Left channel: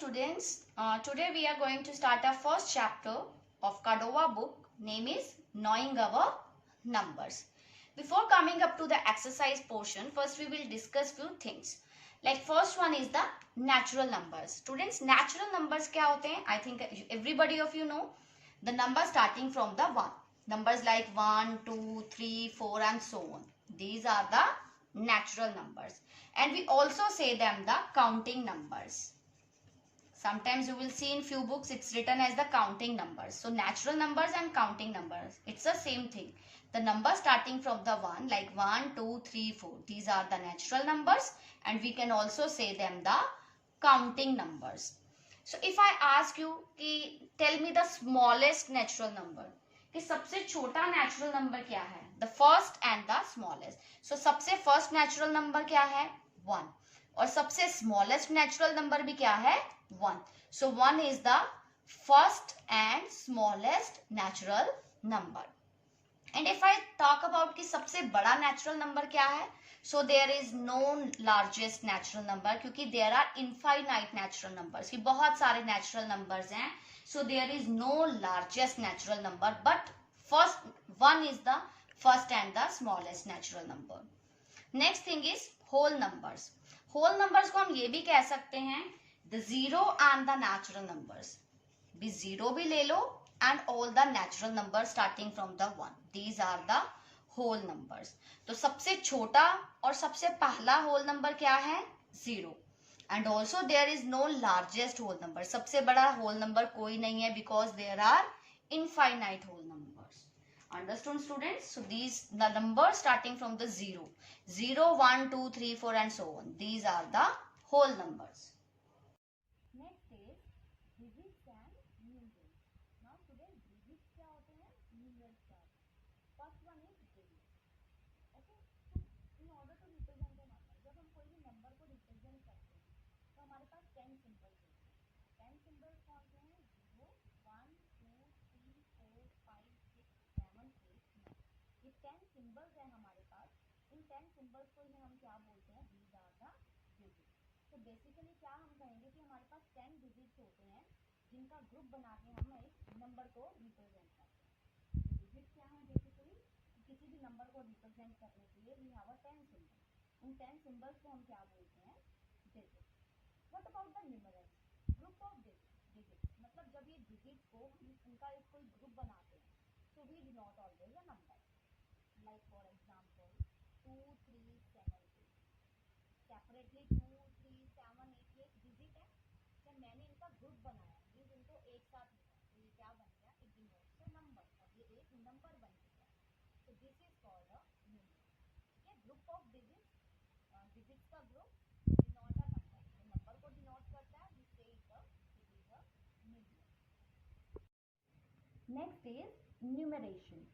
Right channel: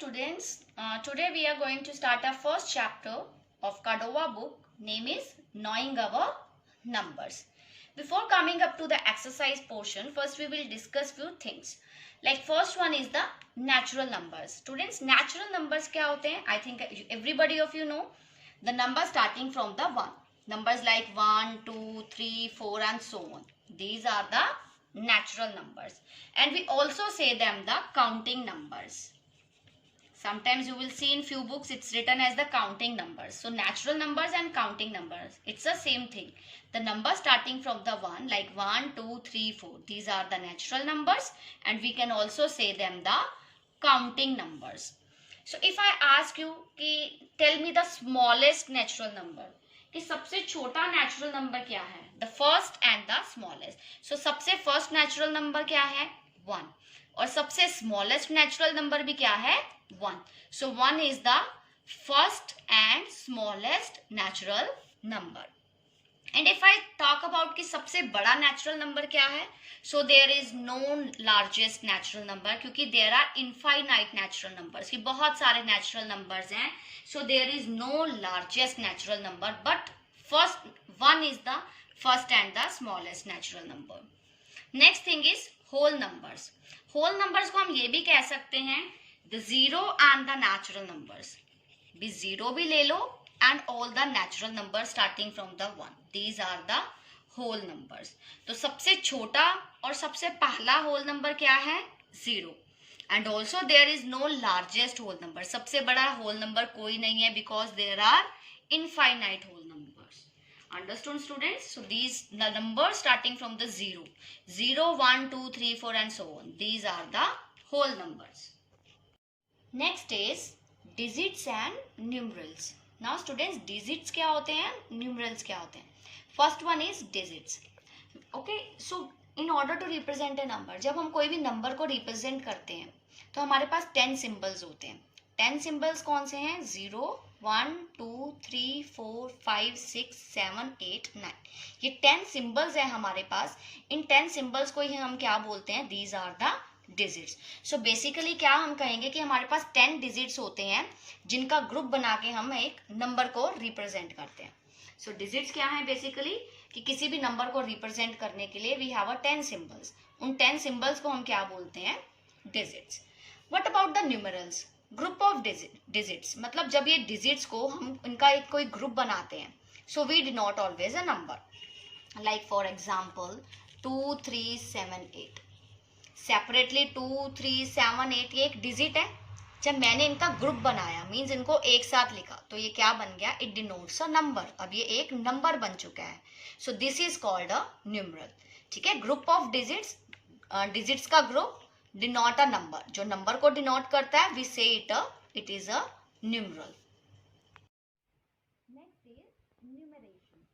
students, today we are going to start our first chapter of Cordova book. Name is Knowing Our Numbers. Before coming up to the exercise portion, first we will discuss few things. Like first one is the natural numbers. Students, natural numbers क्या होते हैं? I think everybody of you know the number starting from the 1. Numbers like 1, 2, 3, 4 and so on. These are the natural numbers. And we also say them the counting numbers. Sometimes you will see in few books it's written as the counting numbers. So natural numbers and counting numbers, it's the same thing. The number starting from the 1 like 1, 2, 3, 4. These are the natural numbers and we can also say them the counting numbers. So if I ask you कि tell me the smallest natural number, कि सबसे छोटा natural number क्या है? The first and the smallest. So सबसे first natural number क्या है? 1. और सबसे smallest natural number भी क्या है? 1. So 1 is the first and smallest natural number. And if I talk about कि सबसे बड़ा natural number क्या है? So there is no largest natural number क्योंकि there are infinite natural numbers. कि बहुत सारे natural numbers हैं. So there is no largest natural number, but first 1 is the first and the smallest natural number. Next thing is whole numbers. Whole numbers को हम ये भी कह सकते हैं the zero and the natural numbers. भी zero भी ले लो and all the natural numbers starting from the 1. These are the whole numbers. तो सबसे छोटा और सबसे पहला whole number क्या है? 0. And also there is no largest whole number. सबसे बड़ा whole number कोई नहीं है because there are infinite whole numbers. Understood students? So these the numbers starting from the 0. 0, 1, 2, 3, 4 and so on. These are the whole numbers. Next is digits and numerals. Now students, digits क्या होते हैं? Numerals क्या होते हैं? First one is digits. Okay, so in order to represent a number, जब हम कोई भी number को represent करते हैं तो हमारे पास 10 symbols होते हैं. 10 symbols कौन से हैं? 0, 1, 2, 3, 4, 5, 6, 7, 8, 9. ये 10 symbols है हमारे पास. इन 10 symbols को ही हम क्या बोलते हैं? These are the digits. So basically क्या हम कहेंगे कि हमारे पास 10 digits होते हैं जिनका ग्रुप बना के हम एक नंबर को रिप्रेजेंट करते हैं. So digits क्या है बेसिकली कि किसी भी नंबर को रिप्रेजेंट करने के लिए we have a 10 symbols. उन 10 symbols को हम क्या बोलते हैं? Digits. What about the numerals? Group of digits. मतलब जब ये digits को हम इनका एक कोई ग्रुप बनाते हैं so we denote always a number. Like for example 2, 3, 7, 8. Separately 2, 3, 7, 8 ये एक डिजिट है. जब मैंने इनका ग्रुप बनाया मीन्स इनको एक साथ लिखा तो ये क्या बन गया? It denotes a number. अब ये एक नंबर बन चुका है. So this is called a numeral. ठीक है, ग्रुप ऑफ डिजिट्स, डिजिट्स का ग्रुप डिनोट अ नंबर. जो नंबर को डिनोट करता है we say it is a numeral. Next is numeration.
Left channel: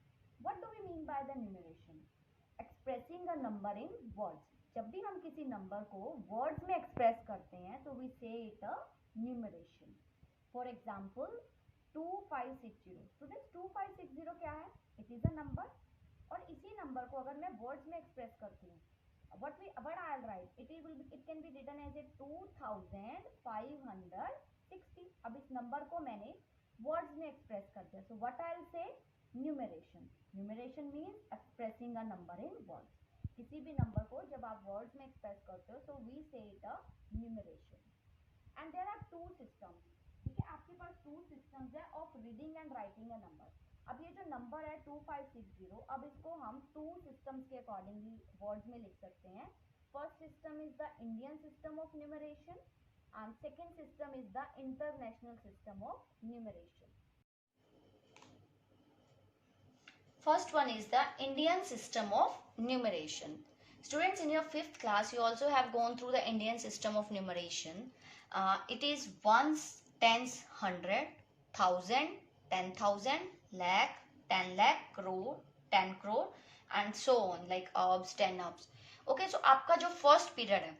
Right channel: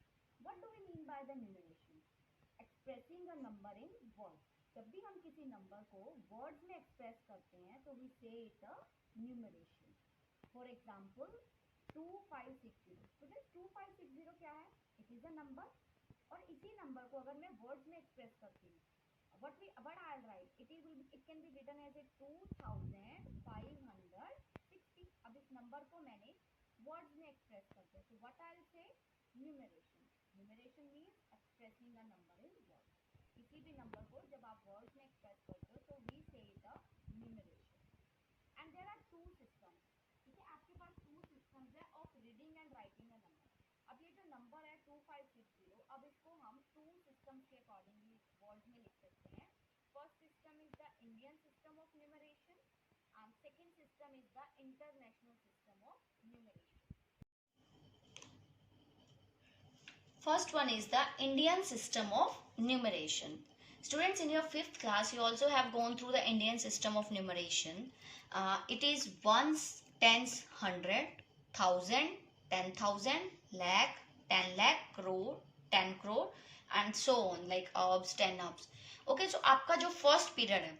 What do we mean by the numeration? Expressing a number in words. जब भी हम किसी नंबर को वर्ड्स में एक्सप्रेस करते हैं तो we say it a numeration. For example 2560. Students 2560 क्या है? It is a number. और इसी नंबर को अगर मैं वर्ड्स में एक्सप्रेस करती हूँ what I'll write it can be written as a 2560. अब इस नंबर को मैंने वर्ड्स में एक्सप्रेस कर दिया. So what I'll say? Numeration. Numeration means expressing a number in words. किसी भी नंबर को जब आप वर्ड्स में एक्सप्रेस करते हो तो we say it a numeration. And there are two systems. ठीक है, आपके पास टू सिस्टम्स है of reading and writing a number. अब ये जो नंबर है 2560, अब इसको हम टू सिस्टम्स के अकॉर्डिंगली वर्ड्स में लिख सकते हैं. First system is the Indian system of numeration and second system is the international system of numeration. First one is the Indian system of numeration. Students, in your 5th class, you also have gone through the Indian system of numeration. It is ones, tens, 100, 1000, 10,000, lakh, 10 lakh, crore, 10 crore, and so on, like urbs, 10 urbs. Okay, so आपका जो first period है,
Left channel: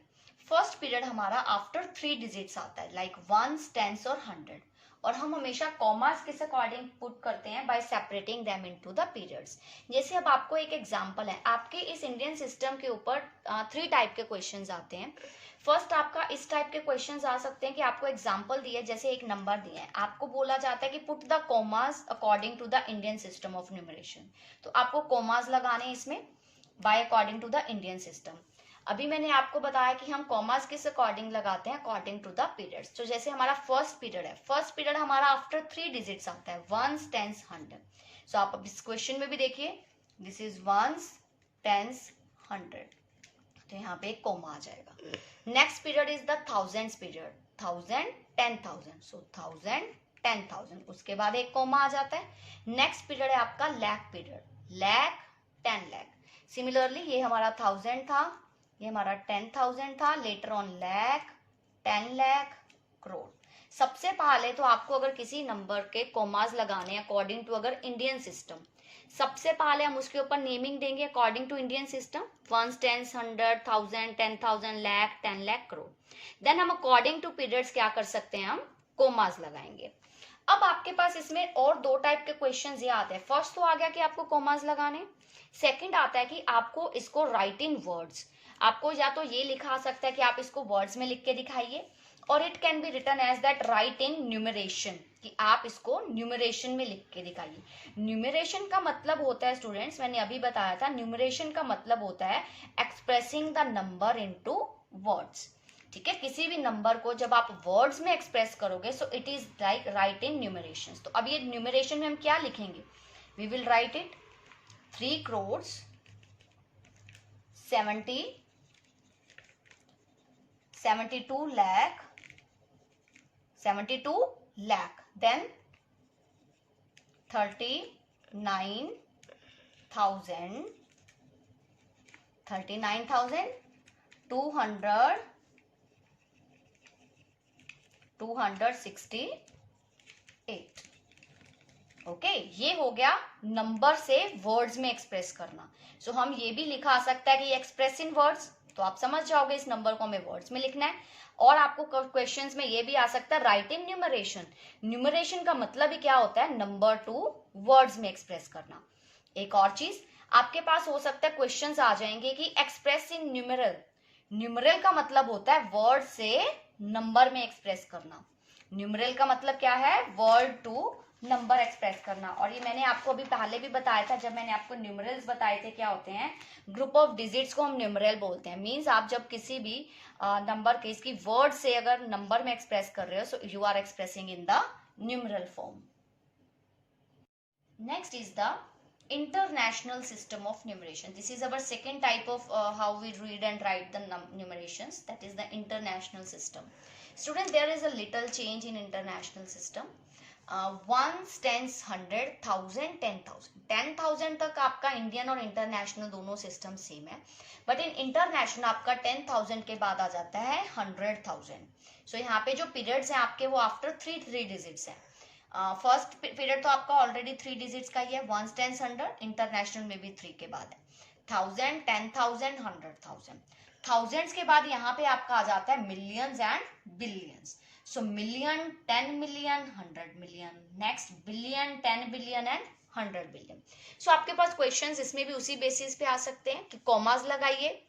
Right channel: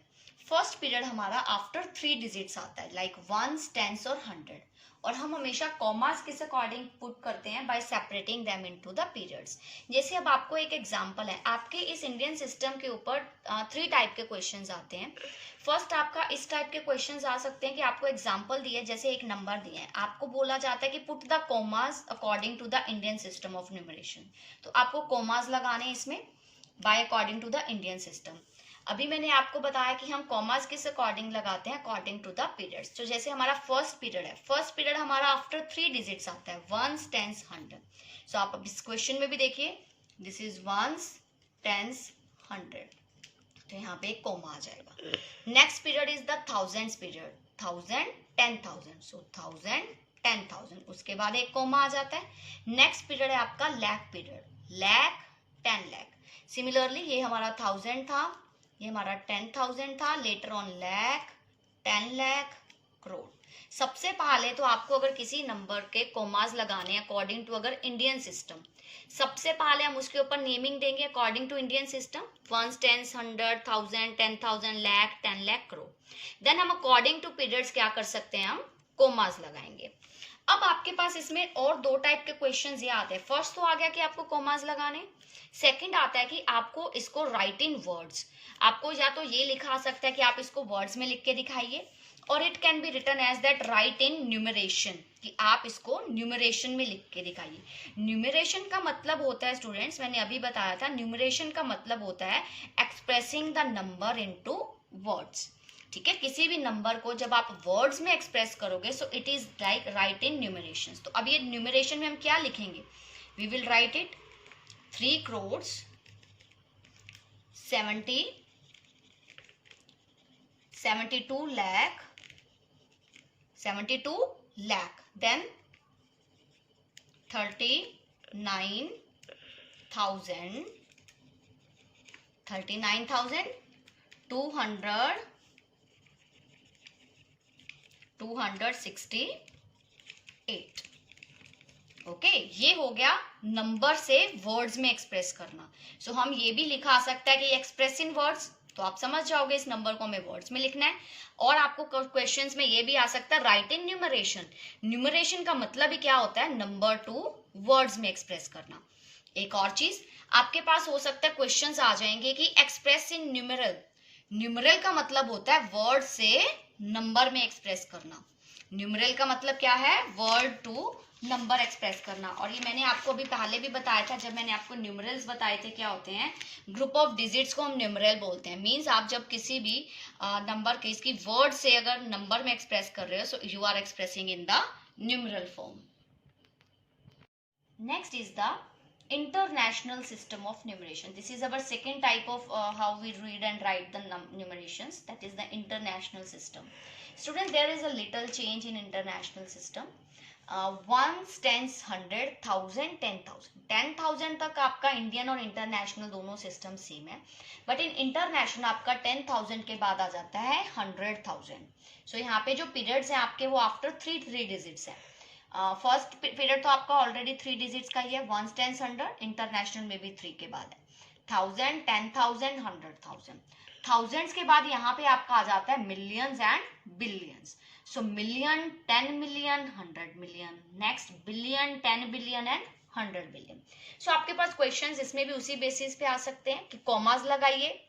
first period हमारा after 3 digits आता है, like ones, tens और 100. और हम हमेशा कॉमास किस अकॉर्डिंग पुट करते हैं? Bye separating them into the periods. जैसे अब आपको एक एग्जांपल है, आपके इस इंडियन सिस्टम के ऊपर 3 टाइप के क्वेश्चंस आते हैं. फर्स्ट आपका इस टाइप के क्वेश्चंस आ सकते हैं कि आपको एग्जांपल दिया है, जैसे एक नंबर दिया है, आपको बोला जाता है कि put the commas according to the Indian system of numeration. तो आपको कॉमास लगाने हैं इसमें by according to the Indian system. अभी मैंने आपको बताया कि हम कॉमास किस अकॉर्डिंग लगाते हैं, अकॉर्डिंग टू द पीरियड्स। तो जैसे हमारा फर्स्ट पीरियड है, फर्स्ट पीरियड हमारा आफ्टर 3 डिजिट्स आता है, वंस, टेंस, हंड्रेड। सो आप अब इस क्वेश्चन में भी देखिए, this is ones, tens, hundred, तो यहाँ पे एक कोमा आ जाएगा। Next period is the thousands period, 1000, 10,000, so 1000, 10,000, उसके बाद एक कोमा आ जाता है। नेक्स्ट पीरियड है आपका लैख पीरियड, लैख, 10 लाख। सिमिलरली ये हमारा 1000 था, ये हमारा 10,000 था, लेटर ऑन लैख, 10 लाख, करोड़। सबसे पहले तो आपको अगर किसी नंबर के कोमास लगाने अकॉर्डिंग टू अगर इंडियन सिस्टम, सबसे पहले हम उसके ऊपर नेमिंग देंगे according to Indian system, ones, tens, 100, 1000, 10,000, lakh, 10 lakh, crore. Then हम अकॉर्डिंग टू पीरियड्स क्या कर सकते हैं, हम कोमास लगाएंगे। अब आपके पास इसमें और दो टाइप के क्वेश्चंस ये आते हैं। फर्स्ट तो आ गया कि आपको कोमास लगाने, सेकंड आता है कि आपको इसको राइट इन वर्ड्स, आपको या तो ये लिखा सकता है कि आप इसको वर्ड्स में लिख के दिखाइए, और it can be written as that write in numeration, कि आप इसको न्यूमरेशन में लिख के दिखाइए। न्यूमरेशन का मतलब होता है स्टूडेंट्स, मैंने अभी बताया था, न्यूमरेशन का मतलब होता है expressing the number into words. ठीक है, किसी भी नंबर को जब आप वर्ड्स में एक्सप्रेस करोगे, so it is like write in numeration. तो अब ये न्यूमरेशन में हम क्या लिखेंगे, we will write it 3 crores 72 lakh 72 lakh, then 39,268, okay, ये हो गया नंबर से वर्ड्स में एक्सप्रेस करना। सो हम ये भी लिखा सकता है कि एक्सप्रेस इन वर्ड्स, तो आप समझ जाओगे इस नंबर को हमें वर्ड्स में लिखना है। और आपको क्वेश्चंस में ये भी आ सकता है राइट इन न्यूमरेशन। न्यूमरेशन का मतलब ही क्या होता है, नंबर टू वर्ड्स में एक्सप्रेस करना। एक और चीज आपके पास हो सकता है, क्वेश्चंस आ जाएंगे कि एक्सप्रेस इन न्यूमरल। न्यूमरल का मतलब होता है वर्ड से नंबर में एक्सप्रेस करना। न्यूमरल का मतलब क्या है, वर्ड टू नंबर एक्सप्रेस करना। और ये मैंने आपको अभी पहले भी बताया था, जब मैंने आपको न्यूमरल्स बताए थे, क्या होते हैं, ग्रुप ऑफ डिजिट्स को हम न्यूमरल बोलते हैं। मींस आप जब किसी भी नंबर के इसकी वर्ड से अगर नंबर में एक्सप्रेस कर रहे हो, so you are expressing in the numeral form. Next is the international system of numeration. This is our second type of how we read and write the numerations, that is the international system. Student, there is a little change in international system. Ones, tens, 100, 1000, 10,000, 10,000 तक आपका Indian और international दोनों system same है, but in international आपका 10,000 के बाद आ जाता है 100,000। सो यहाँ पे जो पीरियड्स हैं आपके, वो आफ्टर 3 डिजिट्स हैं। फर्स्ट पीरियड तो आपका ऑलरेडी 3 डिजिट्स का ही है, वंस, टेंस, 100, इंटरनेशनल में भी 3 के बाद है, 1000, 10,000, 100,000। थाउजेंड्स के बाद यहाँ पे आपका आ जाता है millions and billions. So million, 10 million, 100 million, next billion, 10 billion and 100 billion. So आपके पास क्वेश्चंस इसमें भी उसी बेसिस पे आ सकते हैं कि कॉमास लगाइए,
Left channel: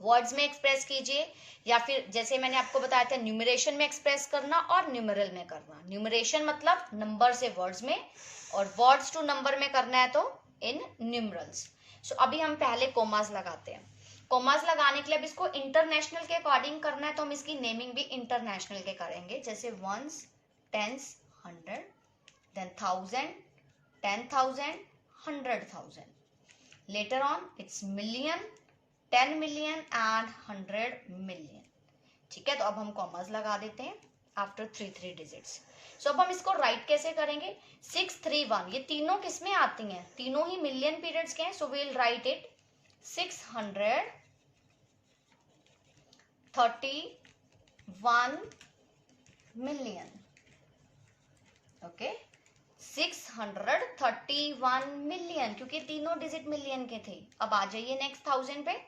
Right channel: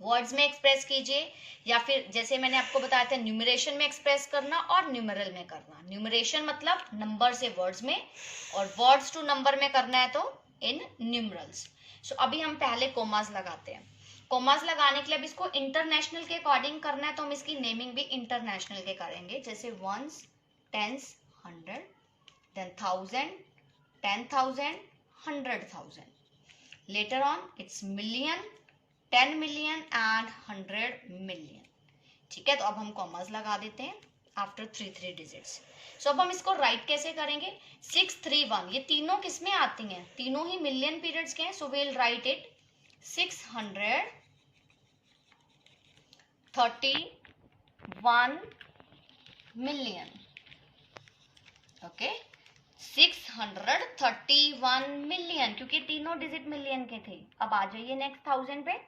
वर्ड्स में एक्सप्रेस कीजिए, या फिर जैसे मैंने आपको बताया था न्यूमरेशन में एक्सप्रेस करना और न्यूमरल में करना। न्यूमरेशन मतलब नंबर से वर्ड्स में, और वर्ड्स टू नंबर में करना है तो इन न्यूमरल्स। सो अभी हम पहले कोमास लगाते हैं। कोमास लगाने के लिए अब इसको इंटरनेशनल के अकॉर्डिंग करना है, तो हम इसकी नेमिंग भी इंटरनेशनल के करेंगे, जैसे ones, tens, 100, then 1000, 10,000, 100,000, later on it's million, 10 million and 100 million. ठीक है, तो अब हम कॉमास लगा देते हैं आफ्टर 3 डिजिट्स। सो अब हम इसको राइट कैसे करेंगे, 631, ये तीनों किसमें आती हैं, तीनों ही मिलियन पीरियड्स के हैं। So we will write it 631 million. Okay, 631 million, क्योंकि तीनों डिजिट मिलियन के थे। अब आ जाइए नेक्स्ट 1000 पे।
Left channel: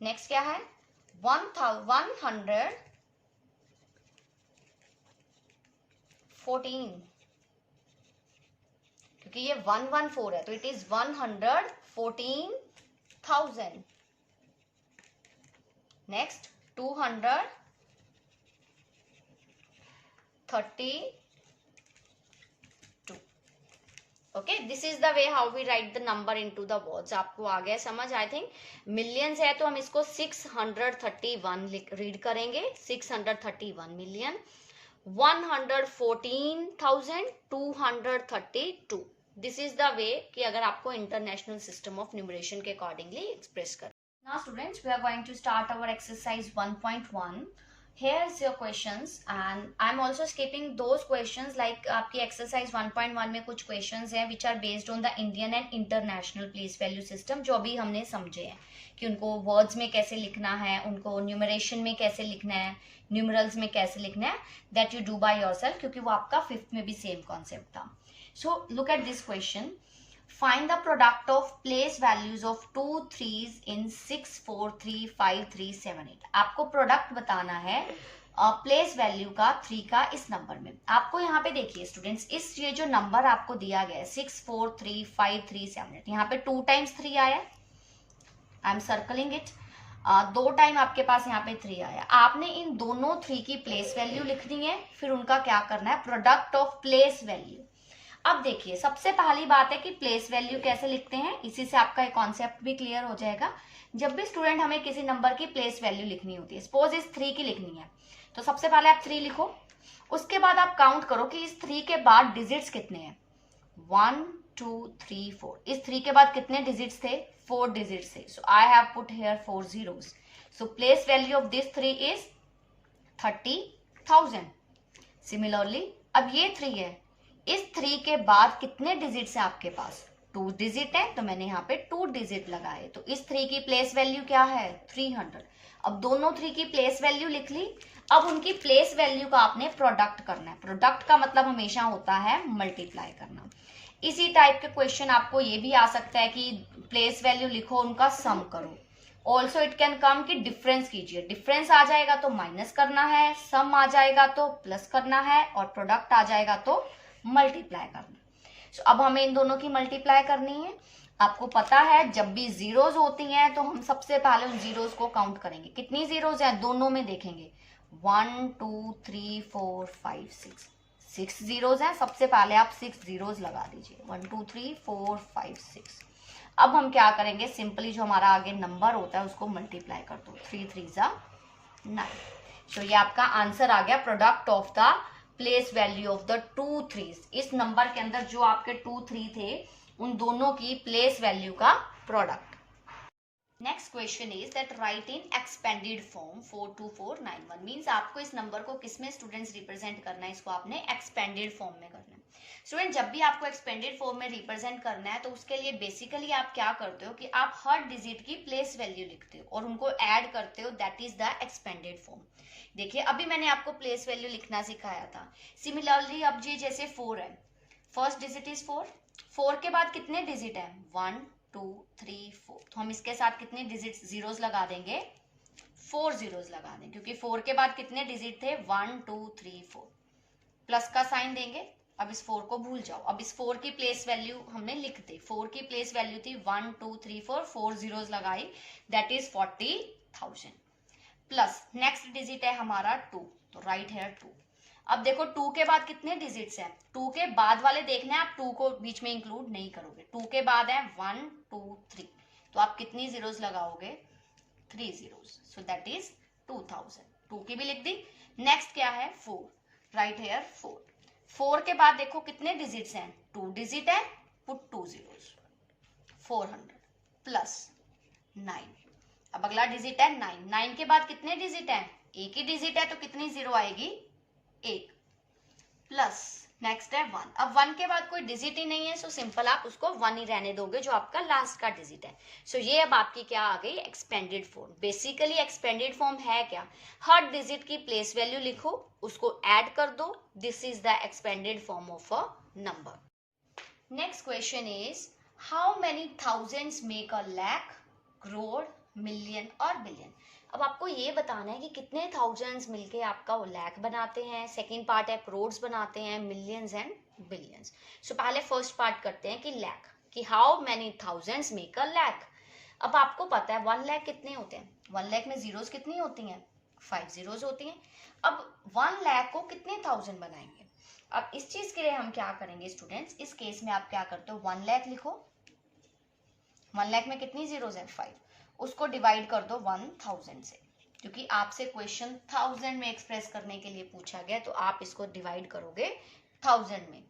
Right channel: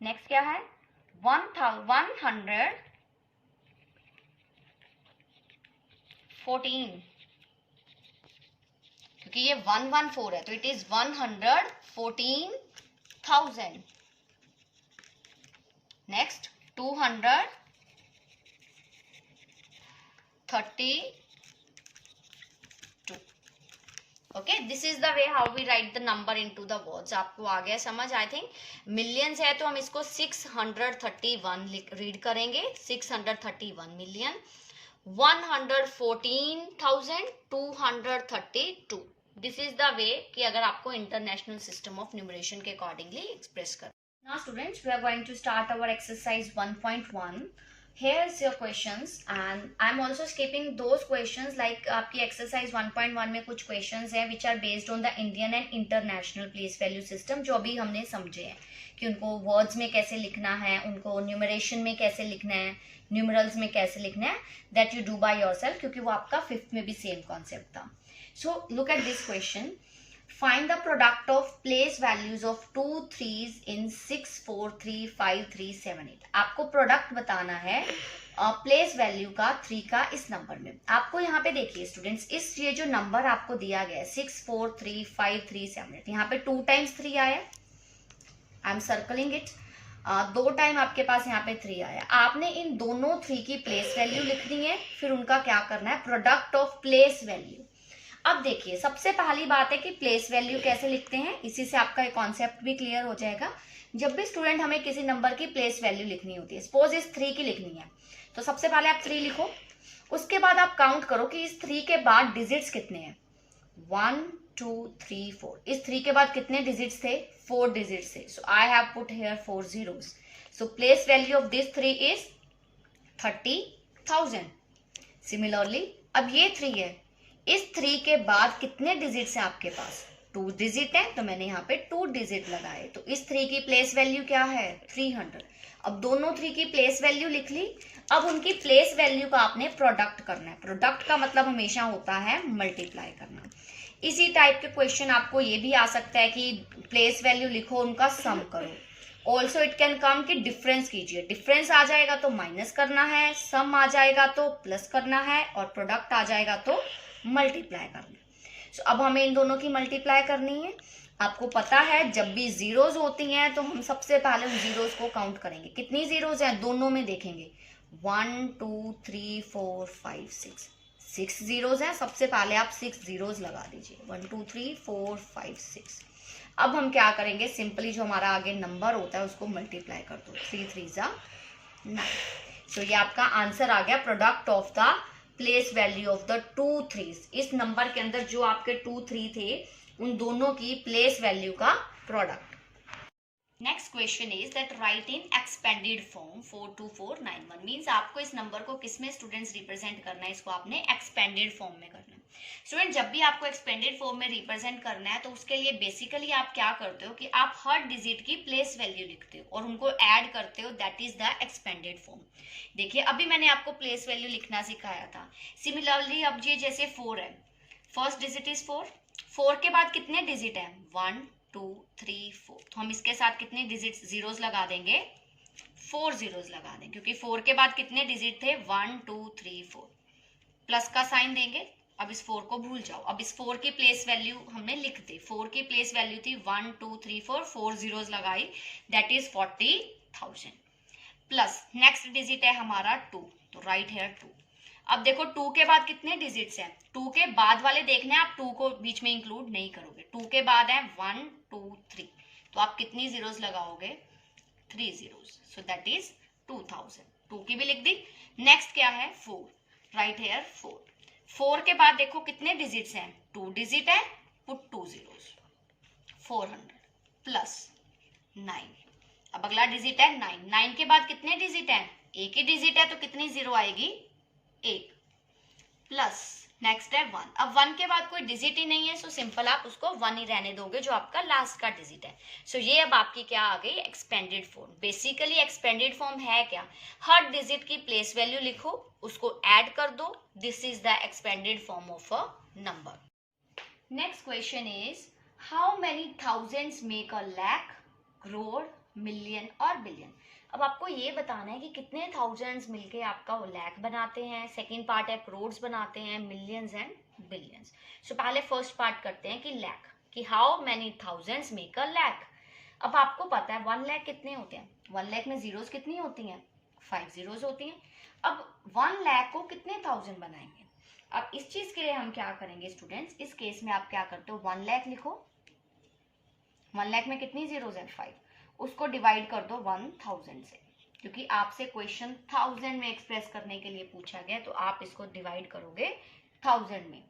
नेक्स्ट क्या है, 114, क्योंकि ये 114 है तो it is 114,000। Next 232. Okay, this is the way how we write the number into the words. आपको आ गया समझ? आई थिंक मिलियंस है तो हम इसको 631 रीड करेंगे. 631 million 114,232. This is the way कि अगर आपको इंटरनेशनल सिस्टम ऑफ न्यूमरेशन के अकॉर्डिंगली एक्सप्रेस कर. Now students, we are going to start our exercise 1.1. Here's your questions and I'm also skipping those questions like आपकी exercise 1.1 में कुछ questions हैं which are based on the Indian and international place value system जो अभी हमने समझे हैं कि उनको words में कैसे लिखना है, उनको numeration में कैसे लिखना है, numerals में कैसे लिखना है, that you do by yourself क्योंकि वो आपका 5th में भी same concept था. So look at this question. Find the product of place values of 2 3s in 6 4 3 5 3 7 8. आपको प्रोडक्ट बताना है प्लेस वैल्यू का 3 का इस नंबर में. आपको यहाँ पे देखिए स्टूडेंट्स, इस ये जो नंबर आपको दिया गया है 6 4 3 5 3 7 8, यहाँ पे 2 times 3 आया. I am circling it. 2 time आपके पास यहाँ पे 3 आया. आपने इन दोनों 3 की प्लेस वैल्यू लिखनी है, फिर उनका क्या करना है, प्रोडक्ट ऑफ प्लेस वैल्यू. अब देखिए सबसे पहली बात है कि प्लेस वैल्यू कैसे लिखते हैं, इसी से आपका एक कॉन्सेप्ट भी क्लियर हो जाएगा. जब भी स्टूडेंट हमें किसी नंबर की प्लेस वैल्यू लिखनी होती है, सपोज इस 3 की लिखनी है, तो सबसे पहले आप 3 लिखो. उसके बाद आप काउंट करो कि इस 3 के बाद डिजिट्स कितने हैं. 1 2 3 4. इस 3 के बाद कितने डिजिट्स थे, 4 डिजिट्स थे. So I have put here 4 zeros. So place value of this 3 is 30,000. Similarly अब ये 3 है, इस 3 के बाद कितने डिजिट्स हैं आपके पास, 2 डिजिट है, तो मैंने यहाँ पे 2 डिजिट लगाए. तो इस 3 की प्लेस वैल्यू क्या है, 300. अब दोनों 3 की प्लेस वैल्यू लिख ली. अब उनकी प्लेस वैल्यू का आपने प्रोडक्ट करना है. प्रोडक्ट का मतलब हमेशा होता है मल्टीप्लाई करना. इसी टाइप के क्वेश्चन आपको ये भी आ सकता है कि प्लेस वैल्यू लिखो, उनका सम करो. ऑल्सो इट कैन कम कि डिफरेंस कीजिए. डिफरेंस आ जाएगा तो माइनस करना है, सम आ जाएगा तो प्लस करना है, और प्रोडक्ट आ जाएगा तो मल्टीप्लाई करना. सो अब हमें इन दोनों की मल्टीप्लाई करनी है. आपको पता है जब भी जीरोज होती हैं तो हम सबसे पहले उन जीरोज को काउंट करेंगे. कितनी जीरोज हैं, दोनों में देखेंगे. 1 2 3 4 5 6. 6 जीरोज हैं. सबसे पहले आप 6 जीरोज लगा दीजिए. 1 2 3 4 5 6. अब हम क्या करेंगे, सिंपली जो हमारा आगे नंबर होता है उसको मल्टीप्लाई कर दो. 3 3 जा 9. सो ये आपका आंसर आ गया, product of the place value of the 2 3s. इस नंबर के अंदर जो आपके 2 3 थे उन दोनों की प्लेस वैल्यू का product. Next question is that write in expanded form 42491. Means आपको इस नंबर को किसमें स्टूडेंट्स रिप्रेजेंट करना है, इसको आपने एक्सपेंडेड फॉर्म में करना है. स्टूडेंट जब भी आपको एक्सपेंडेड फॉर्म में रिप्रेजेंट करना है तो उसके लिए बेसिकली आप क्या करते हो कि आप हर डिजिट की प्लेस वैल्यू लिखते हो और उनको ऐड करते हो. That is the expanded form. देखिए अभी मैंने आपको प्लेस वैल्यू लिखना सिखाया था. सिमिलरली अब ये जैसे 4 है, फर्स्ट डिजिट इज 4. 4 के बाद कितने डिजिट है, 1 2 3 4. तो हम इसके साथ कितने डिजिट जीरोस लगा देंगे, 4 जीरोस लगा देंगे, क्योंकि 4 के बाद कितने डिजिट थे, 1 2 3 4. प्लस का साइन देंगे. अब इस 4 को भूल जाओ. अब इस 4 की प्लेस वैल्यू हमने लिख दी. 4 की प्लेस वैल्यू थी 1 2 3 4. 4 जीरोस लगाई, that is 40,000. Plus next digit है हमारा 2, तो राइट है 2. अब देखो 2 के बाद कितने डिजिट्स हैं, 2 के बाद वाले देखने हैं, आप 2 को बीच में इंक्लूड नहीं करोगे. 2 के बाद है 1 2 3, तो आप कितनी जीरोस लगाओगे, 3 जीरोस. So that is 2000. 2 की भी लिख दी. नेक्स्ट क्या है 4, राइट हेयर 4. 4 के बाद देखो कितने डिजिट्स हैं, 2 डिजिट है, पुट 2 जीरोस. 400 प्लस 9. अब अगला डिजिट है 9. 9 के बाद कितने डिजिट हैं, एक ही डिजिट है, तो कितनी जीरो आएगी, 1. प्लस नेक्स्ट है 1. अब 1 के बाद कोई डिजिट ही नहीं है, सो सिंपल आप उसको 1 ही रहने दोगे जो आपका लास्ट का डिजिट है. सो ये अब आपकी क्या आ गई, expanded form. Basically expanded form है क्या, हर डिजिट की प्लेस वैल्यू लिखो, उसको ऐड कर दो. This is the expanded form of a number. Next question is how many thousands make a lakh, crore, million और बिलियन. अब आपको ये बताना है कि कितने थाउजेंड्स मिलके आपका लाख बनाते हैं. सेकंड पार्ट है करोड्स बनाते हैं, मिलियंस एंड बिलियंस. सो पहले फर्स्ट पार्ट करते हैं कि लाख, कि how many thousands make a lakh. अब आपको पता है 1 लाख कितने होते हैं, 1 लाख में जीरोस कितनी होती हैं, 5 जीरोस होती हैं। अब 1 लाख को कितने थाउजेंड बनाएंगे? अब इस चीज के लिए हम क्या करेंगे स्टूडेंट्स, इस केस में आप क्या करते हो, 1 लाख लिखो। 1 लाख में कितनी जीरोस है? 5। उसको डिवाइड कर दो 1000 से, क्योंकि आपसे क्वेश्चन 1000 में एक्सप्रेस करने के लिए पूछा गया, तो आप इसको डिवाइड करोगे 1000 में।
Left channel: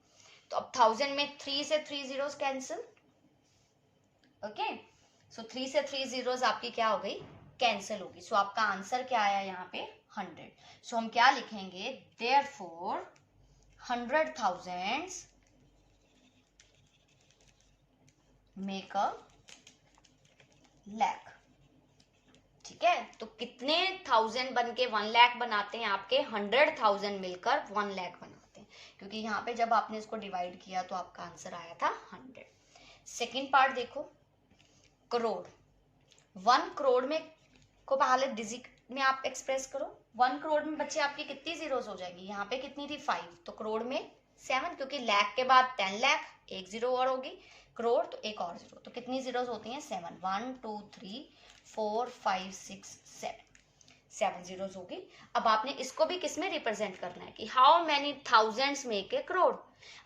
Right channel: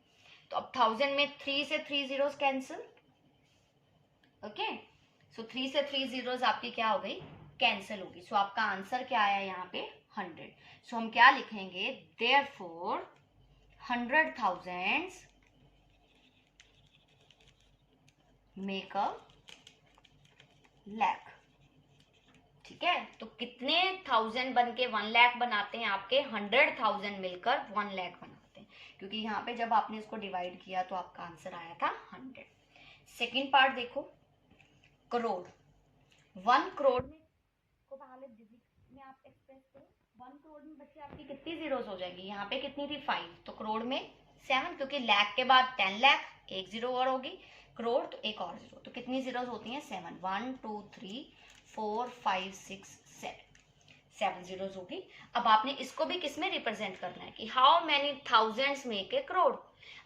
तो अब 1000 में 3 से 3 जीरोस कैंसिल, ओके। सो 3 से 3 जीरोस आपकी क्या हो गई? कैंसिल होगी। सो आपका आंसर क्या आया यहाँ पे? 100। सो हम क्या लिखेंगे? Therefore 100,000 make a lakh. ठीक है, तो कितने थाउजेंड बन के 1 लाख बनाते हैं आपके? 100,000 मिलकर 1 लाख बनाते हैं, क्योंकि यहाँ पे जब आपने इसको डिवाइड किया तो आपका आंसर आया था 100। सेकेंड पार्ट देखो, करोड़। 1 करोड़ में को पहले डिजिट में आप एक्सप्रेस करो। 1 करोड़ में बच्चे आपकी कितनी जीरोस हो जाएंगी? यहाँ पे कितनी थी? 5। तो करोड़ में 7, क्योंकि लाख के बाद 10 लाख, एक जीरो और होगी, करोड़ तो एक और जीरो, तो कितनी जीरोस होती हैं? 7। 1 2 3 4 5 6 7, 7 जीरोस होगी। अब आपने इसको भी किस में रिप्रेजेंट करना है कि how many thousands make a crore.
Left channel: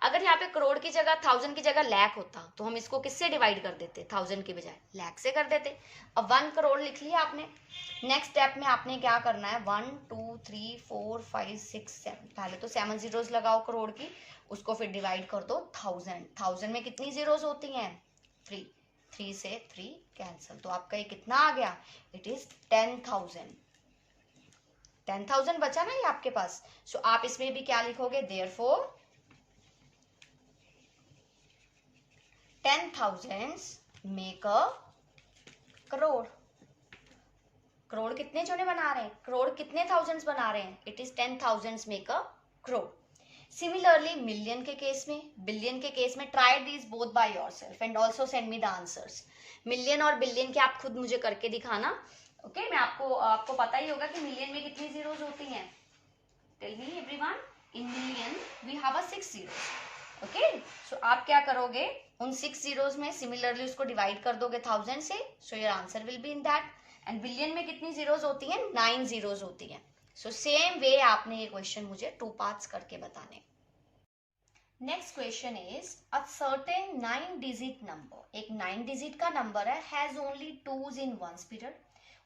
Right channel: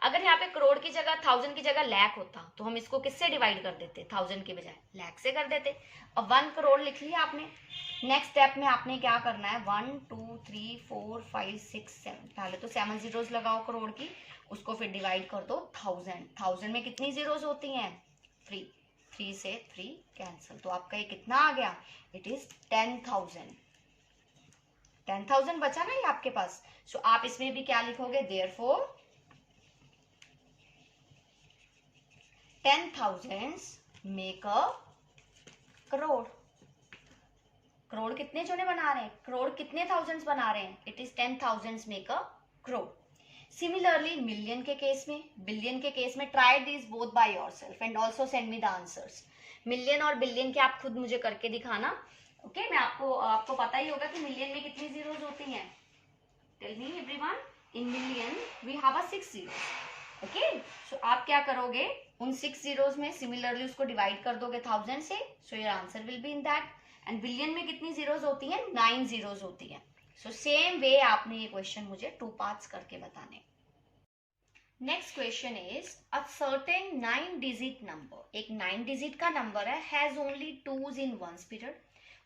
अगर यहाँ पे करोड़ की जगह 1000 की जगह लाख होता तो हम इसको किससे डिवाइड कर देते? 1000 की बजाय लाख से कर देते। अब 1 करोड़ लिख लिया आपने। नेक्स्ट स्टेप में आपने क्या करना है? 1 2 3 4 5 6 7, पहले तो 7 जीरोस लगाओ करोड़ की, उसको फिर डिवाइड कर दो 1000। 1000 में कितनी जीरोस होती हैं? 3। 3 से 3 कैंसिल, तो आपका ये कितना आ गया? It is 10,000। 10,000 बचा ना ये आपके पास। सो आप इसमें भी क्या लिखोगे? Therefore 10,000 make a crore. Crore कितने जोने बना रहे हैं? करोड़ कितने थाउजेंड्स बना रहे हैं? It is 10,000 make a crore. Similarly million के केस में, बिलियन के केस में, try this both by yourself and also send me the answers. Million और बिलियन के आप खुद मुझे करके दिखाना, ओके। मैं आपको पता ही होगा कि मिलियन में कितनी जीरोस होती हैं। Tell me everyone, in million we have a 6 zeros, okay. So आप क्या करोगे? उन 6 जीरोस में सिमिलरली उसको डिवाइड कर दोगे 1000 से, so your answer will be in that. And billion में कितनी जीरोस होती हैं? 9 जीरोस होती हैं। सो सेम वे आपने ये क्वेश्चन मुझे 2 पार्ट्स करके बताने। Next question is a certain 9 digit number, एक 9 डिजिट का नंबर है, has only 2s in ones period.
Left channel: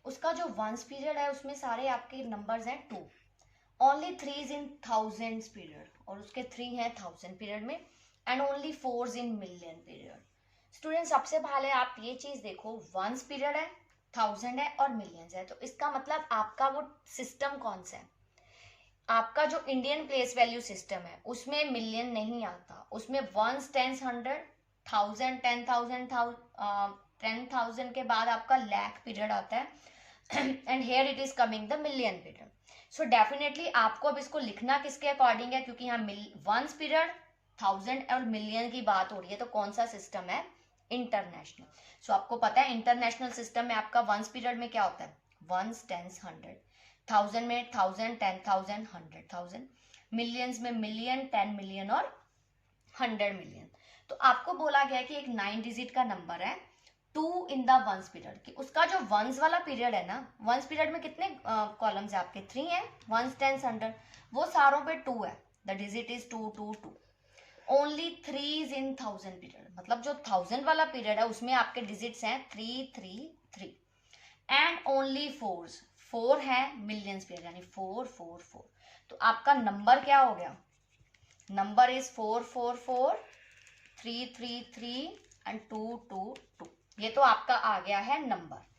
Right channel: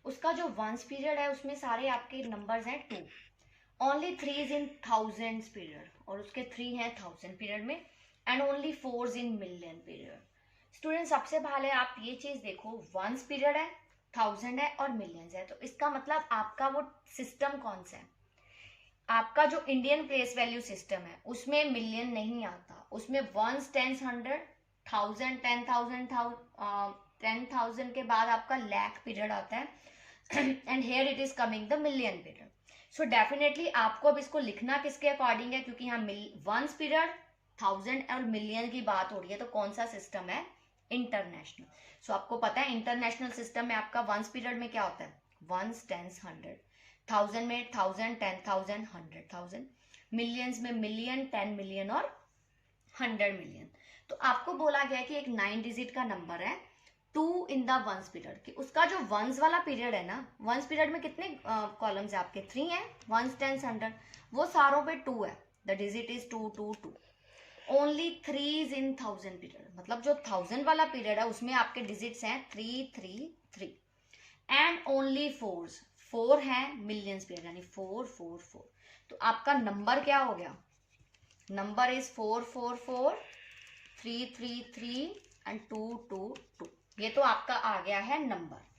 उसका जो वंस पीरियड है उसमें सारे आपके नंबर्स हैं 2। Only 3s in thousands period, और उसके 3 हैं 1000 पीरियड में, and only 4s in million period. Student सबसे पहले आप ये चीज देखो, वंस पीरियड है, 1000 है और मिलियंस है, तो इसका मतलब आपका वो सिस्टम कौन सा है? आपका जो इंडियन प्लेस वैल्यू सिस्टम है उसमें मिलियन नहीं आता, उसमें वंस, टेंस, 100, 1000, 10,000, 10,000 के बाद आपका लाख पीरियड आता है, and here it is coming the million period. So definitely आपको अब इसको लिखना किसके अकॉर्डिंग है, क्योंकि यहाँ वंस पीरियड, 1000 और मिलियन की बात हो रही है, तो कौन सा सिस्टम है? इंटरनेशनल। सो आपको पता है इंटरनेशनल सिस्टम में आपका वंस पीरियड में क्या होता है? वंस, टेंस, 100, 1000 में 1000, 10,000, 100,000, मिलियंस में मिलियन, 10 मिलियन और 100 मिलियन। तो आपको बोला गया कि एक 9 डिजिट का नंबर है 2 इन द वंस पीरियड, कि उसका जो वंस वाला पीरियड है ना, वंस पीरियड में कितने कॉलम्स है आपके? 3 है, वंस, टेंस, 100, वो सारों पे 2 है, the digit is 2 2 2। Only 3s in 1000 period, मतलब जो 1000 वाला पीरियड है उसमें आपके डिजिट्स हैं 3 3 3, एंड ओनली 4s, 4 है मिलियंस पीरियड, यानी 4 4 4। तो आपका नंबर क्या हो गया? Number is 4 4 4 3 3 3 and 2 2 2। ये तो आपका आ गया है नंबर।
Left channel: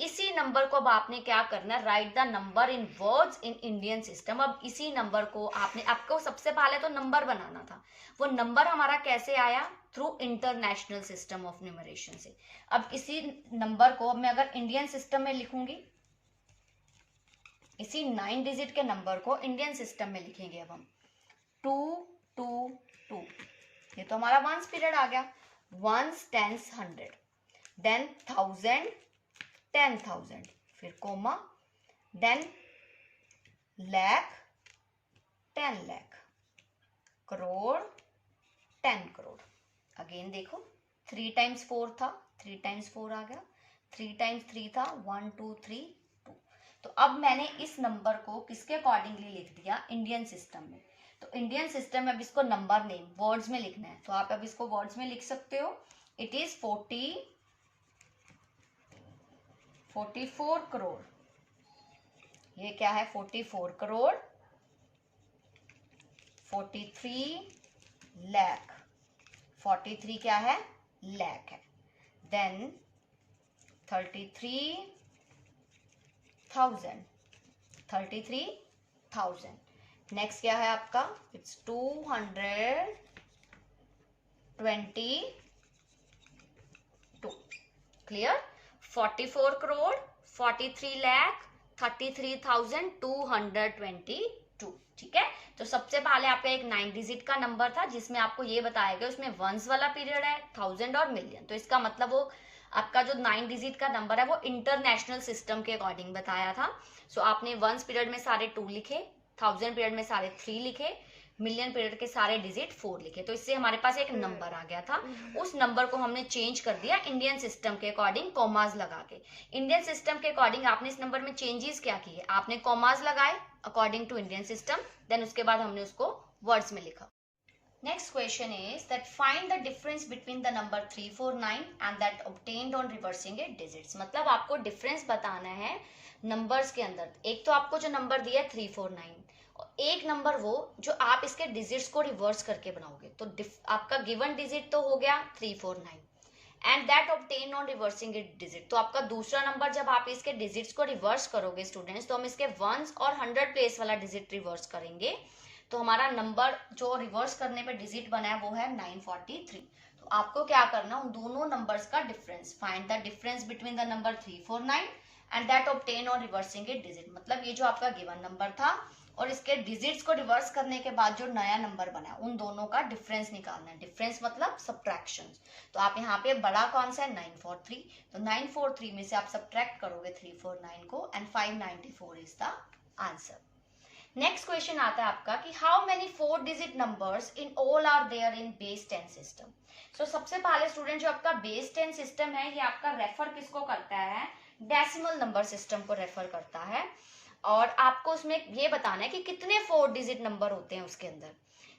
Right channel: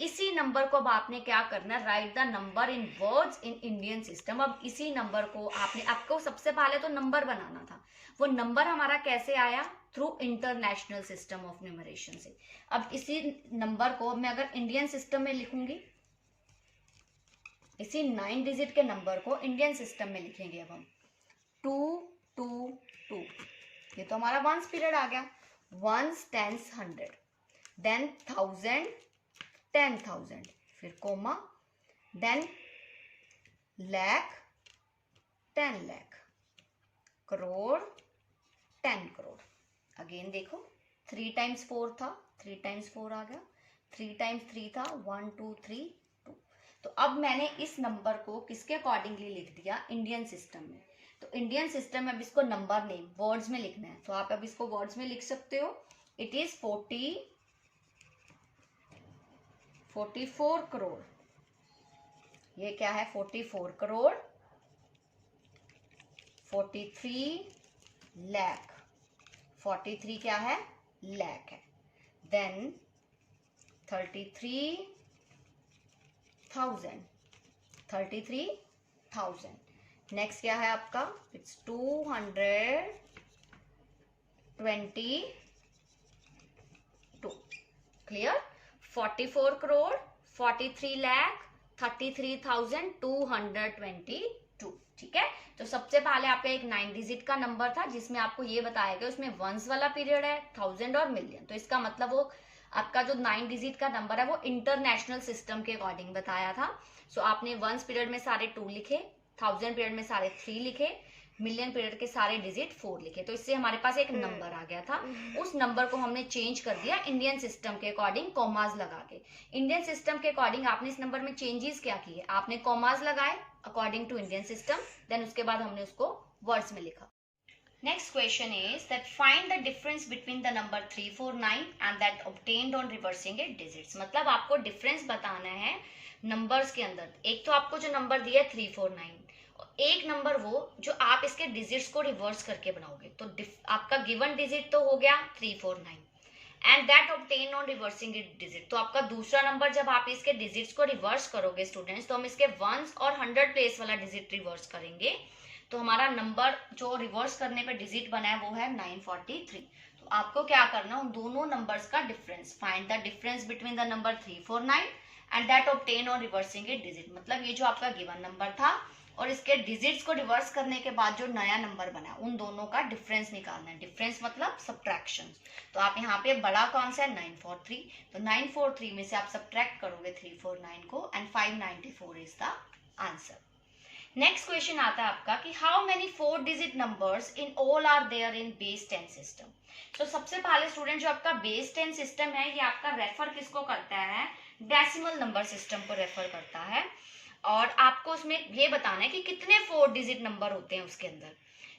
इसी नंबर को अब आपने क्या करना है? Right the number in words in Indian system. अब इसी नंबर को आपको सबसे पहले तो नंबर बनाना था, वो नंबर हमारा कैसे आया? Through international system of numeration से। अब इसी नंबर को मैं अगर इंडियन सिस्टम में लिखूंगी, इसी 9 डिजिट के नंबर को इंडियन सिस्टम में लिखेंगे अब हम 2 2 2। ये तो हमारा वंस पीरियड आ गया, वंस, टेंस, 100, देन 1000, 10,000, फिर comma, then lakh, 10 lakh, crore, 10 crore. Again देखो, 3 टाइम्स 4 था, 3 टाइम्स 4 आ गया, 3 टाइम्स 3 था, 1 2 3 2। तो अब मैंने इस नंबर को किसके अकॉर्डिंगली लिख दिया, इंडियन सिस्टम में। तो इंडियन सिस्टम में अब इसको नंबर नेम वर्ड्स में लिखना है, तो आप अब इसको वर्ड्स में लिख सकते हो। It is 44 crore. ये क्या है, 44 करोड़, 43 लाख, 43 क्या है, लाख है। देन 33,000। नेक्स्ट क्या है आपका, इट्स 222। क्लियर, 44 करोड़, 43 लाख, 33,222। ठीक है। तो सबसे पहले आपका एक 9 डिजिट का नंबर था जिसमें आपको ये बताया गया उसमें वंस वाला पीरियड है, 1000 और मिलियन। तो इसका मतलब वो आपका जो 9 डिजिट का नंबर है वो इंटरनेशनल सिस्टम के अकॉर्डिंग बताया था। सो आपने वंस पीरियड में सारे 2 लिखे, 1000 पीरियड में सारे 3 लिखे, मिलियन पीरियड के सारे डिजिट 4 लिखे। तो इससे हमारे पास एक नंबर आ गया था। उस नंबर को हमने चेंज कर दिया इंडियन सिस्टम के अकॉर्डिंग कॉमास लगा के। इंडियन सिस्टम के अकॉर्डिंग आपने इस नंबर में चेंजेस क्या किए, आपने कॉमास लगाए according to Indian system, then उसके बाद हमने उसको वर्ड्स में लिखा। Next question is that find the difference between the number 349 and that obtained on reversing it digits। मतलब आपको डिफरेंस बताना है नंबर्स के अंदर। एक तो आपको जो नंबर दिया है 349, एक नंबर वो जो आप इसके डिजिट्स को रिवर्स करके बनाओगे। तो आपका गिवन डिजिट तो हो गया 349 and that obtain on reversing it digit. तो आपका दूसरा नंबर जब आप इसके डिजिट्स को रिवर्स करोगे स्टूडेंट्स, तो हम इसके वंस और 100 प्लेस वाला डिजिट रिवर्स करेंगे। तो हमारा नंबर जो रिवर्स करने पे डिजिट बना है वो है 943। तो आपको क्या करना, उन दोनों नंबर्स का difference, find the difference between the number 349 and that obtain on reversing it digit. मतलब ये जो आपका गिवन नंबर था और इसके डिजिट्स को रिवर्स करने के बाद जो नया नंबर बना उन दोनों का डिफरेंस निकालना है। डिफरेंस मतलब सब्ट्रैक्शन। तो आप यहाँ पे बड़ा कौन सा है, 943। तो 943 में से आप सब्ट्रैक्ट करोगे 349 को and 594 is the answer. Next question आता है आपका कि how many 4 digit numbers in all are there in base 10 system. तो सबसे पहले स्टूडेंट जो आपका बेस 10 सिस्टम है ये आपका रेफर किसको करता है, डेसिमल नंबर सिस्टम को रेफर करता है। और आपको उसमें ये बताना है कि कितने 4 डिजिट नंबर होते हैं उसके अंदर।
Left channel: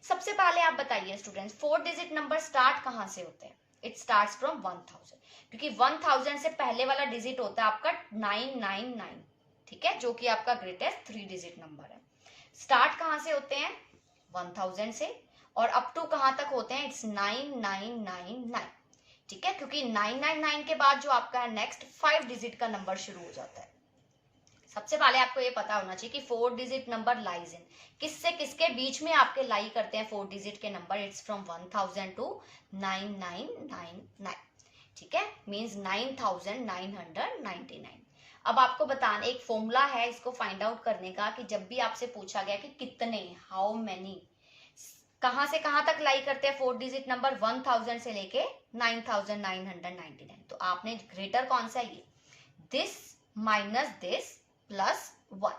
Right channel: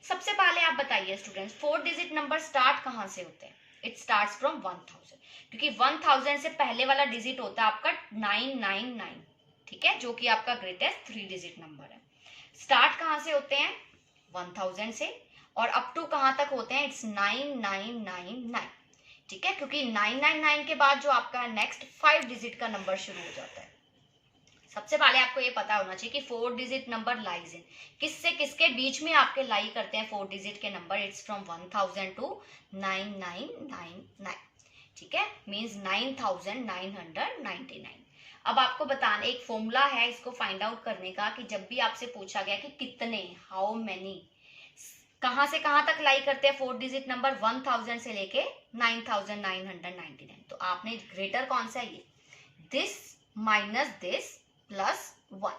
सबसे पहले आप बताइए स्टूडेंट्स 4 डिजिट नंबर स्टार्ट कहाँ से होते हैं, इट स्टार्ट्स फ्रॉम 1000, क्योंकि 1000 से पहले वाला डिजिट होता है आपका 999। ठीक है, जो कि आपका ग्रेटेस्ट 3 डिजिट नंबर है। स्टार्ट कहां से होते हैं, 1000 से, और अप टू कहां तक होते हैं, इट्स 9999। ठीक है, क्योंकि 999 के बाद जो आपका नेक्स्ट 5 डिजिट का नंबर शुरू हो जाता है। सबसे पहले आपको ये पता होना चाहिए कि 4 डिजिट नंबर लाइज इन, किससे किसके बीच में आपके लाई करते हैं 4 डिजिट के नंबर, इट्स फ्रॉम 1000 टू 9999। ठीक है, मीन्स 9999। अब आपको बताना एक फॉर्मूला है इसको फाइंड आउट करने का कि जब भी आपसे पूछा गया कि कितने, हाउ मेनी, कहां से कहां तक लाई करते हैं 4 डिजिट नंबर, 1000 से लेके 9999। तो आपने ग्रेटर कौन सा है, ये दिस माइनस दिस प्लस 1।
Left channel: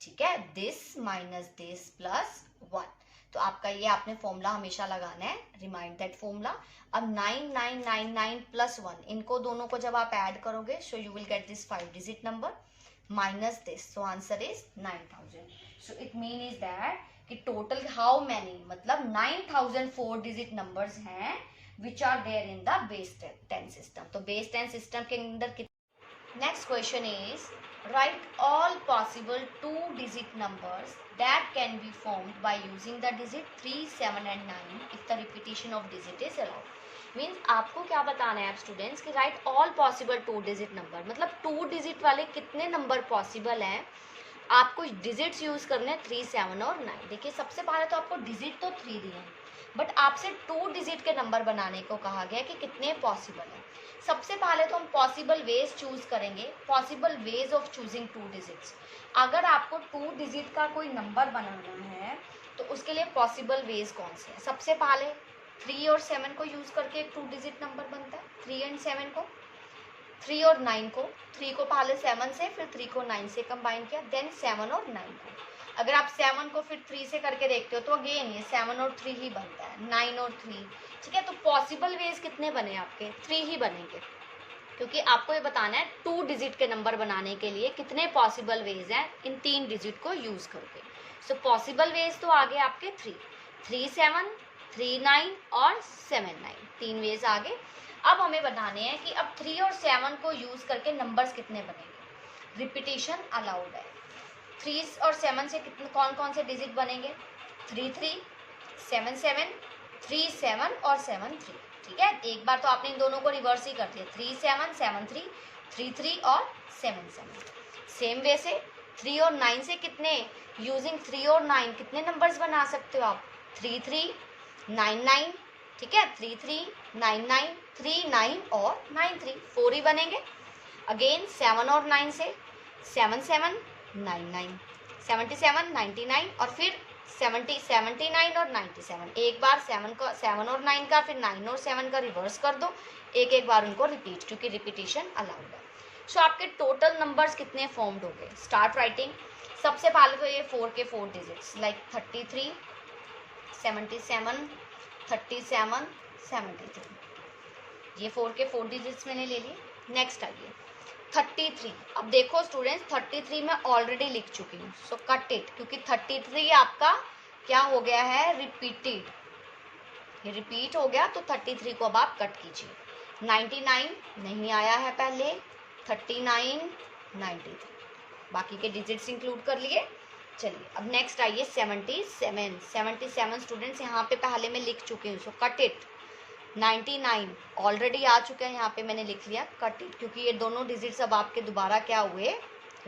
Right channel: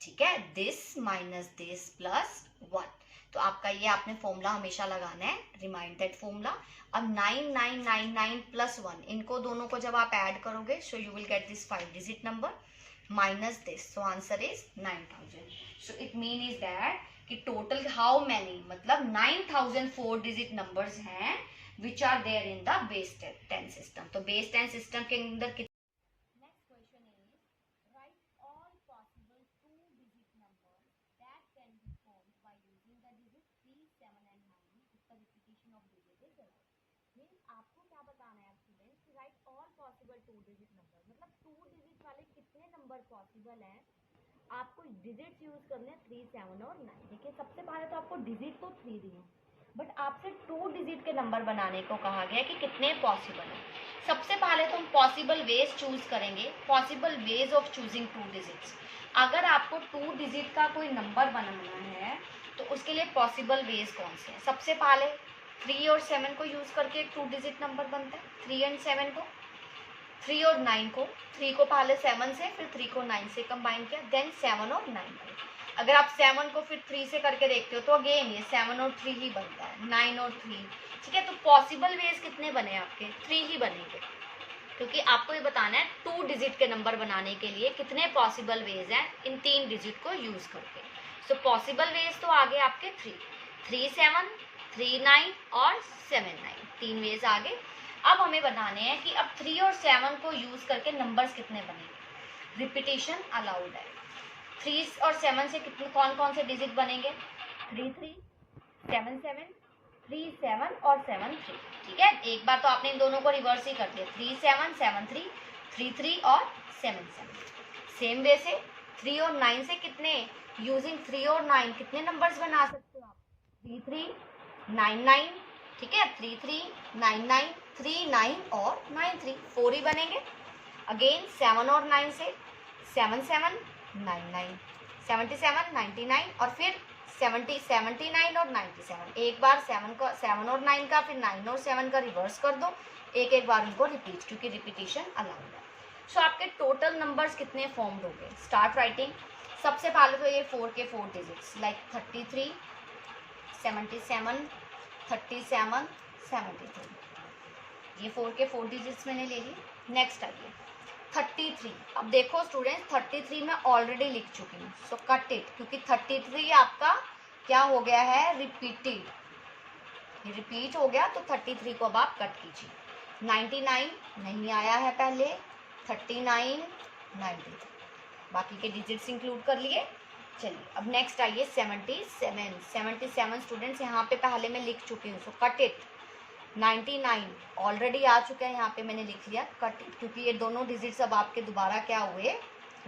ठीक है, दिस माइनस दिस प्लस 1। तो आपका ये आपने फॉर्मूला हमेशा लगाना है, रिमाइंड दैट फॉर्मूला। अब 9999 प्लस 1, इनको दोनों को जब आप ऐड करोगे so you will get this 5 digit number minus this, so answer is 9000। So it mean is that कि टोटल हाउ मैनी, मतलब 9004 डिजिट नंबर्स हैं which are there in the base 10 system. तो बेस 10 सिस्टम के अंदर next question is write all possible 2 digit numbers that can be formed by using the digit 3, 7 and 9 if the repetition of digit is allowed। Means आपको क्या बताना है आप students कि right all possible 2 digit number, मतलब 2 digit वाले कितने number possible हैं। आपको डिजिट्स यूज करने हैं 3, 7 और 9। देखिए सबसे पहले तो आपको डिजिट तो 3 दिए हैं, बट आपसे 2 डिजिट के नंबर बनाने को कहा गया कि कितने पॉसिबल हैं। सबसे पहले तो हम पॉसिबल वेज चूज करेंगे, possible ways of choosing 2 digits. अगर आपको 2 डिजिट का कोई नंबर बनाना है तो उसके लिए पॉसिबल वेज कौन से हैं। सबसे पहले 3 और 7 को यूज करके एक 2 डिजिट नंबर बनता है, 3 एंड 7 को, 3 और 9 को, 3 को पहले 7 से फिर 3 को 9 से कंबाइन किया, देन 7 और 9 को। अगर आप 7 को फिर 3 से करके देखते हो तो अगेन ये 7 और 3 ही बनता है, 9 और 3। ठीक है, तो पॉसिबल वेज कितने बने आपके, 3 ही बनेंगे। क्योंकि आपको ये बताना है 2 डिजिट के नंबर बनाने के लिए कितने पॉसिबल वेज हैं इन 3 डिजिट को यूज करके। सो पॉसिबल वेज तो आगे आपके 3, 7, 3, 9 और 7, 9, 3 वेज आगे। अब हमें बताने हैं कि अब 3 और 7 को यूज करके नंबर्स कितने बनेंगे। रिपीटेशन अलाउड है। 3 और 7 से कितने कौन कौन से डिजिट बनेंगे, 3, 3, 7, 7, 3, 7 और 7, 3। ठीक है, एक बार तो आपने इन दोनों को रिवर्स ही कर दिया, 3, 7, 7, 3, 3, 3 और 7, 7। सेम वे से 3 और 9 से कितने, यूजिंग 3 और 9 कितने नंबर्स बना सकते हो आप, 3, 3, 9, 9। ठीक है, 3, 3, 9, 9, 3, 9 और 9, 3, 4 ही बनेंगे। अगेन 7 और 9 से 7, 7, 9, 9, 77, 99 और फिर 70, 79 और 97। एक बार 7 और 9 का, फिर 9 और 7 का रिवर्स कर दो, एक एक बार उनको रिपीट, क्योंकि रिपीटेशन अलाउड है। सो आपके टोटल नंबर्स कितने फॉर्म्ड हो गए। Start writing. सबसे पहले तो ये 4 के 4 डिजिट्स लाइक 33, 77, 37, 73, ये 4 के 4 डिजिट्स मैंने ले लिए। नेक्स्ट आइए 33। अब देखो स्टूडेंट्स 33 मैं ऑलरेडी लिख चुकी हूँ, सो कट इट, क्योंकि 33 आपका क्या हो गया है, रिपीटेड, ये रिपीट हो गया, तो 33 को अब आप कट कीजिए। 99 नहीं आया है पहले, 39, 93, बाकी के डिजिट्स इंक्लूड कर लिए। चलिए अब नेक्स्ट आइए 77। 77 स्टूडेंट्स यहाँ पे पहले मैं लिख चुकी हूँ, सो कट इट। 99 ऑलरेडी आ चुका है, यहाँ पे मैंने लिख लिया, कट इट, क्योंकि ये दोनों डिजिट्स अब आपके दोबारा क्या हुए,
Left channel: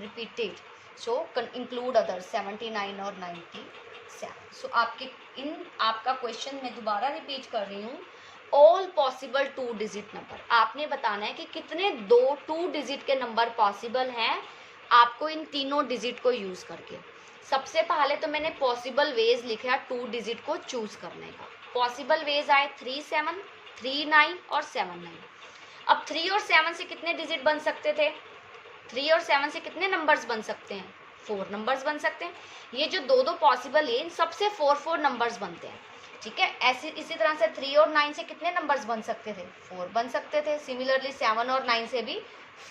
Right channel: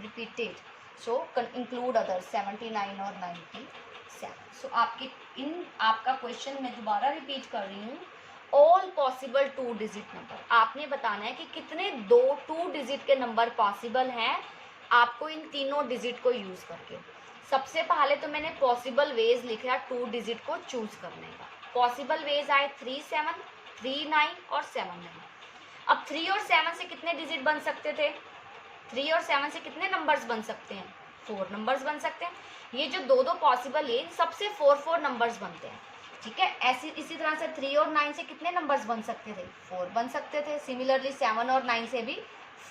रिपीटेड। सो इंक्लूड अदर 79 और 97। सो आपका क्वेश्चन मैं दोबारा रिपीट कर रही हूँ, ऑल पॉसिबल 2 डिजिट नंबर। आपने बताना है कि कितने 2 डिजिट के नंबर पॉसिबल हैं आपको इन तीनों डिजिट को यूज करके। सबसे पहले तो मैंने पॉसिबल वेज लिखा 2 डिजिट को चूज करने का। पॉसिबल वेज आए 3, 7, 3, 9 और 7, 9। अब 3 और 7 से कितने डिजिट बन सकते थे, 3 और 7 से कितने नंबर्स बन सकते हैं, 4 नंबर्स बन सकते हैं। ये जो दो पॉसिबल है, इन सबसे 4 नंबर्स बनते हैं। ठीक है, इसी तरह से 3 और 9 से कितने नंबर्स बन सकते थे, 4 बन सकते थे। सिमिलरली 7 और 9 से भी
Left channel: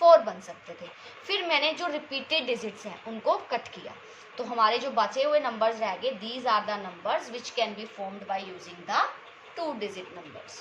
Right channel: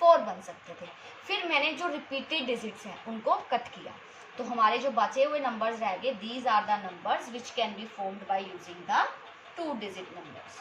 4 बन सकते थे। फिर मैंने जो रिपीटेड डिजिट्स हैं उनको कट किया, तो हमारे जो बचे हुए नंबर्स रह गए, these are the numbers which can be formed by using the 2 digit numbers.